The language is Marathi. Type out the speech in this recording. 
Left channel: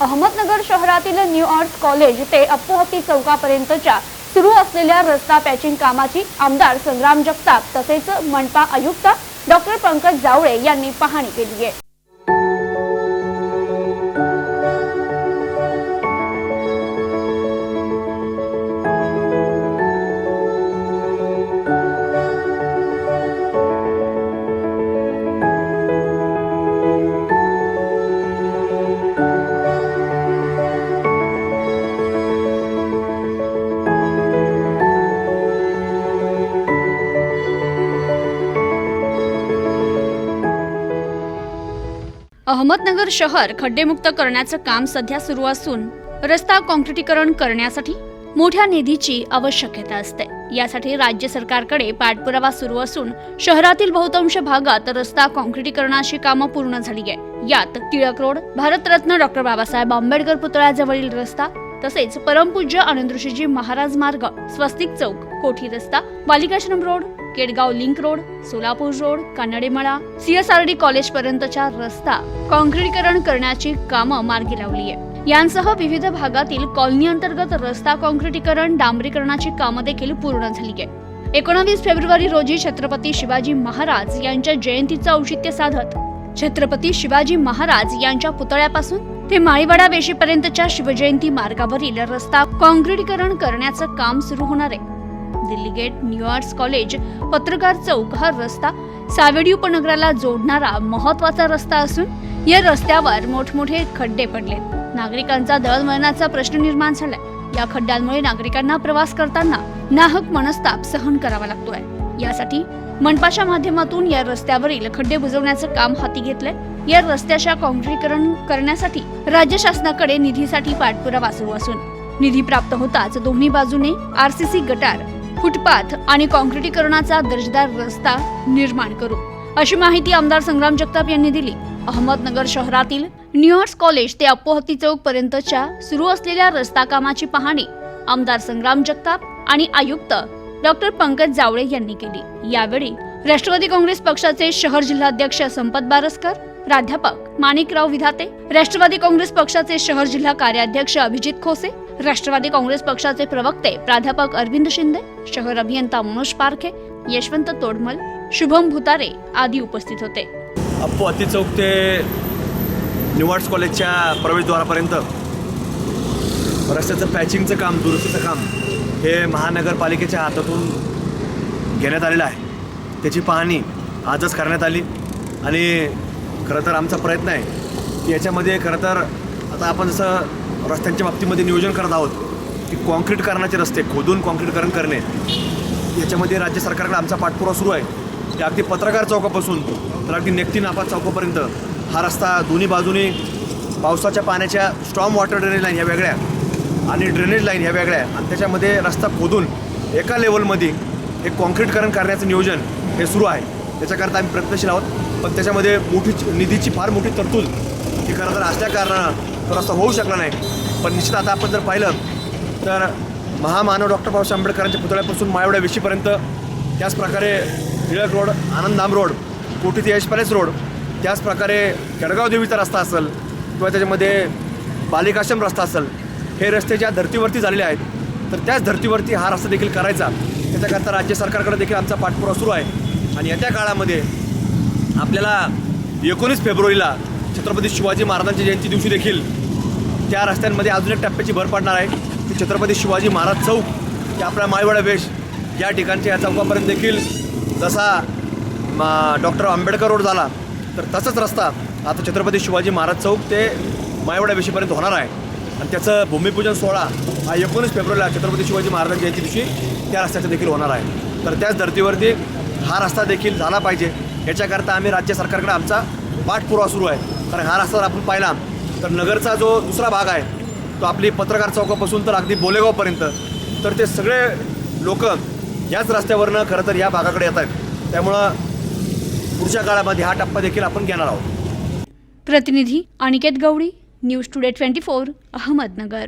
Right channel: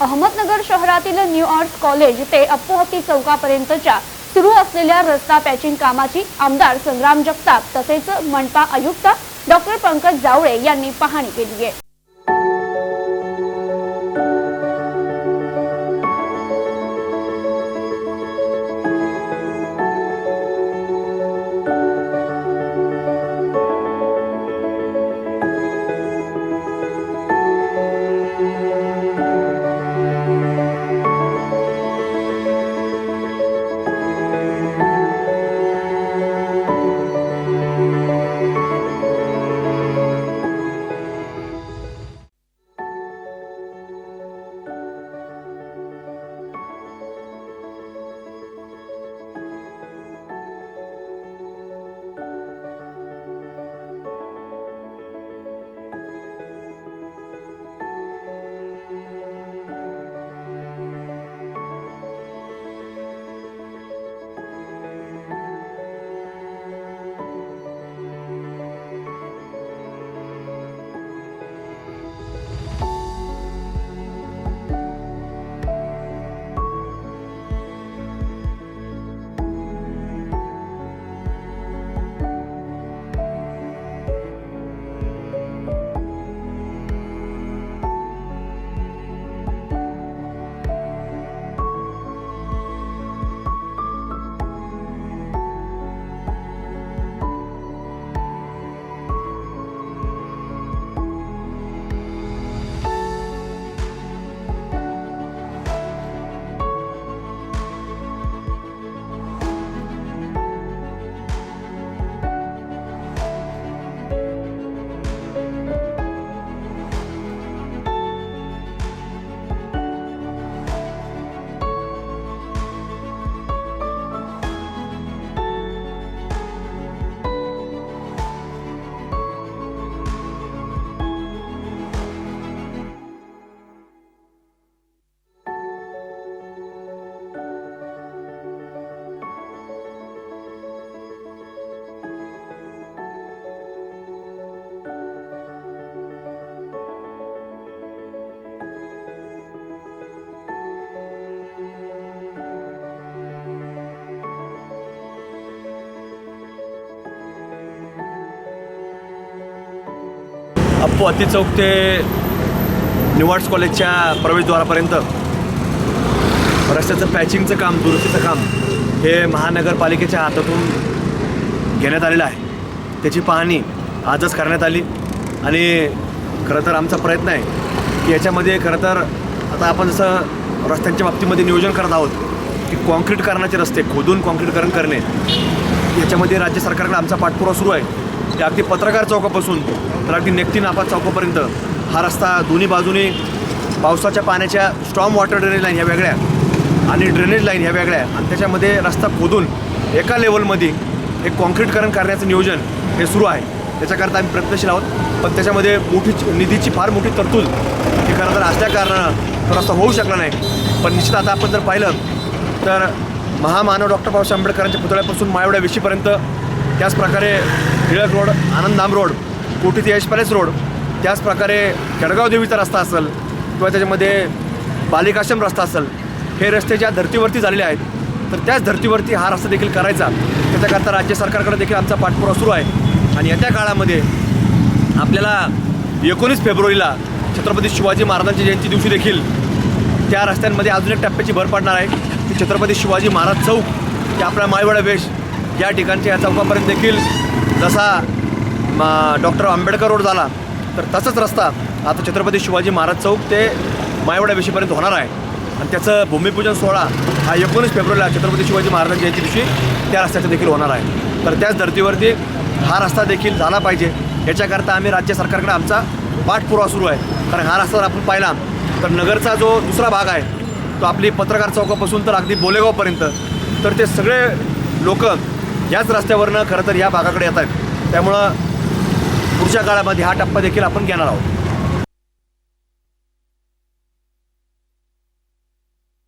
अहमदनगर शहरातील न्यू आर्ट्स कॉलेज ते अप्पोहती चौकापर्यंतच्या सुरू असलेल्या रस्ता पॅचिंग कामाची आमदार संग्राम जगताप तसेच मनपा आयुक्त डॉक्टर पंकज जावळे यांनी पाहणी केली आहे. अहमदनगर शहर खड्डेमुक्त करण्याचं काम सध्या सुरू असून रस्ता काँक्रिटीकरण करण्यासाठी मोठ्या निधीची आवश्यकता असते. यासाठी राज्य सरकारकडे पाठपुरावा सुरू असून शहरातील बहुतांश भागात रस्ता काँक्रिटीकरणाची कामं पूर्ण झाली आहे यात टिळक रोड भारतरत्न डॉक्टर बाबासाहेब आंबेडकर पुतळ्याजवळील रस्ता तसेच परमपूज्य आनंदऋषीजी महाराज मार्ग स्वस्तिक चौक कोठी रस्ता Balikashram road Kedgaon link road Solapur road Kanademala CSRD college पर्यंतचा रस्ता काँक्रिटीकरण करण्याची कामं मार्गी लावली आहे यांसह विविध भागातील कॉलनी अंतर्गत रस्ता काँक्रिटीकरण डांबरीकरणाची कामं देखील पूर्ण झाली आहे एकोणावीस फेब्रुवारी रोजी छत्रपती शिवाजी महाराज यांच्या जयंतीचं औचित्य साधत छत्रपती शिवाजी महाराज यांच्या पुतळ्यापासून ते माळीवाडा वेशीपर्यंतच्या शिवजयंती मार्गावरील रस्ता काँक्रिटीकरण करण्याचं काम सुरू होणार आहे. Delhi gate new arts college Patrakar Chowk हा रस्ता सावेडी उपनगराला जोडणारा महत्त्वाचा रस्ता असून या रस्त्यावर मोठमोठे खड्डे पडले. नागरिकांचा दळणवळणाचा प्रश्न निर्माण झालाय. या खड्ड्यांमुळे नागरिकांना प्रवास करताना नाहक मनस्ताप सहन करावा लागतोय. यासाठी मनपाच्या माध्यमातून या रस्त्यावरील खड्डे बुजवण्याचं काम हाती घेतलंय. या रस्त्याच्या काँक्रिटीकरण करण्यासाठी राज्य शासनाकडे निधीसाठी पाठपुरावा सुरू असून निधी प्राप्त होताच दोन्ही बाजूने आरसीसी गटार फुटपाथ आणि काँक्रिटीकरणाचा दर्जेदार रस्ता निर्माण करू. अशी माहिती आमदार संग्राम जगताप यांनी दिली. अहमदनगर शहरातील न्यूयॉर्स कॉलेज ते अपोहती चौक पर्यंतच्या सुरू असलेल्या रस्ता कामाची पाहणी आमदार संग्राम जगताप आणि आयुक्त डॉक्टर पंकज जावळे यांनी केली. यावेळी राष्ट्रवादी काँग्रेस पक्षाचे शहर जिल्हाध्यक्ष संपत बारसकर प्राध्यापक माणिकराव विधाते राष्ट्रवादी काँग्रेस पक्षाचे शहर जिल्हा कार्याध्यक्ष अभिजित खोसे राष्ट्रवादी काँग्रेस पक्षाचे प्रवक्ते प्राध्यापक अरविंद शिंदे शहर अभियंता मनोज पारखे यशवंत तोडमल शुभम भुतारे आदी उपस्थित होते. अप्पू अति चौक ते निवाड्स कॉलेजच्या प्रवेशद्वारापर्यंत रस्त्याचं पॅचिंगचं काम दुरुस्तीचं काम हे महानगरपालिकेच्या हातातून घेण्यात आलेलं आहे. त्याची पाहणी आजच करण्यात आली आणि खरं तर आमचा प्रयत्न आहे की याच्यामध्ये खरं तर आता आपण जसं रस्त्यांच्या बाबतीमध्ये नियोजन करत आहोत की कॉन्क्रीटकरणाचे रस्ते खोदून कॉन्क्रीटकरण करणे याच्यामध्ये राज्य सरकारकडे आमचा पाठपुरावा सुरू आहे. ते अगदी पत्रकार चौकापासून तर अगदी नेक्टी नापा चौकापर्यंत हा रस्ता दोन्ही बाजूने पावसाच्या पाण्याच्या स्ट्रॉम वॉटर ड्रेनेज लाईन ह्या वेगळ्या आणि ड्रेनेज लाईन ह्या वेगळ्या. आणि त्याच्यामध्ये रस्ता खोदून एका लेवलमध्ये एक कॉन्क्रीटकरण करण्याचं नियोजन हे सुरू आहे. त्याच्याकरता आम्ही प्रयत्नशील आहोत. पण त्याच्यामध्ये मोठी निधीची फार मोठी तरतूद ही खरं तर असल्या कारणानं तो असं होऊ शकला नाही. पण निश्चित आता आपण जर पाहिलं तर महामानव डॉक्टर बाबासाहेब आंबेडकरांच्या पुतळ्यापासून मायवड्या त्याच त्याचप्रकारे टिळक रोड आनंदधाम रोड कोठी ते यश पॅलेस रोड त्याचप्रकारे केडगाव देवीचा रस्ता असेल किंवा त्याच्यामध्ये बालिकाश्रम रस्ता असेल हे रस्ते ज्या धर्तीवरती झालेले आहेत तर त्याच धर्तीवरती हा रस्ता देखील करायचा. त्याच्याकरता राज्य सरकारकडे देखील आमचा पाठपुरावा सुरू आहे. आणि येत्या काळामध्ये आपल्याला एकोणीस फेब्रुवारीला छत्रपती शिवाजी महाराजांच्या जयंती दिवशी देखील त्या रस्त्यांमध्ये अजून एक टप्प्याची भर पडणार आहे. की छत्रपती शिवाजी महाराज चौक ते आपला मायवाडा वेश या ठिकाणच्या या चौकापर्यंत देखील जसा डॉक्टर आंबेडकर रोड झाला तर तसाच रस्ता आता छत्रपती शिवाजी महाराज चौक ते मायवडा वेशीपर्यंत होणार आहे. आणि त्याचं भूमिपूजन सोहळा हा एकोणीस फेब्रुवारीला छत्रपती शिवाजी महाराजांच्या जयंती दिवशी त्या रस्त्याचा देखील होणार आहे. तर त्याच धर्तीवरती हा रस्ता देखील झाला पाहिजे. याच्याकरता आम्ही राज्य सरकारकडे आमचा पाठपुरावा सुरू आहे. कारण हा रस्ता जर आपण पाहिला तर नगरचा जो दुसरा भाग आहे तो आपली पत्रकार चौकापासून तर अगदी बोलेगावपर्यंत तर ते सगळे लोक याच रस्त्यावरनं खरं तर या भागाकडे येत आहेत. त्यामुळं पुढच्या काळामध्ये हा टप्पा देखील आपण घेणार आहोत. प्रतिनिधी Aniket Gawali news today twenty four Ahmednagar.